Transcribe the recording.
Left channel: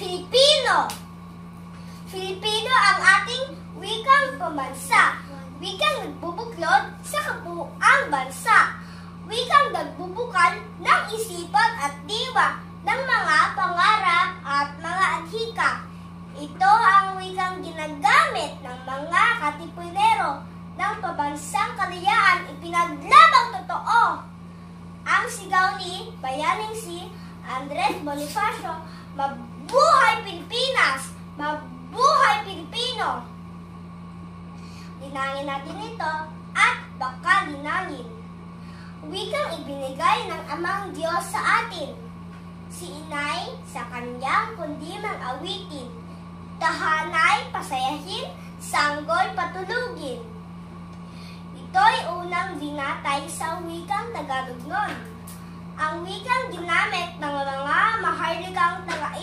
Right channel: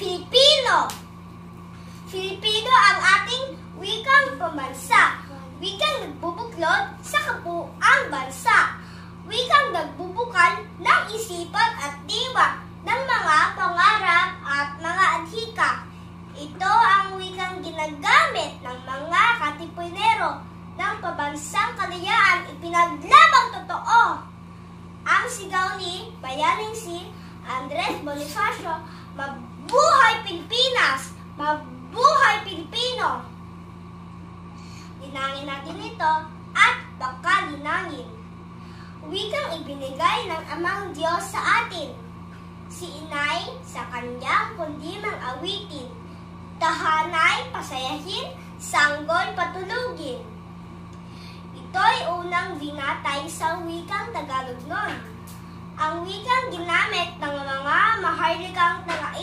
Filipino. Filipino ang ating wikang pambansa. Wikang nagbubuklod sa kabuuang bansa. Wikang nagbubukal ng isipan at diwa ng mga pangarap at mga adhika. Ito ang wikang ginagamit ng mga katipunero ng pambansang kalayaan, ipinaglabang totoo. Ang sigaw ni bayaning si Andres Bonifacio, "Mabuhay Pilipinas! Mabuhay Pilipino!" Linangin natin ito at baka linangin. Wikang ibinigay ng Amang Diyos sa atin. Si Inay sa kanyang kundimang awitin. Tahanay pasayahin, sanggol patulugin. Ito'y unang binatay sa wikang Tagalog noon. Ang wikang ginamit ng mga maharlikang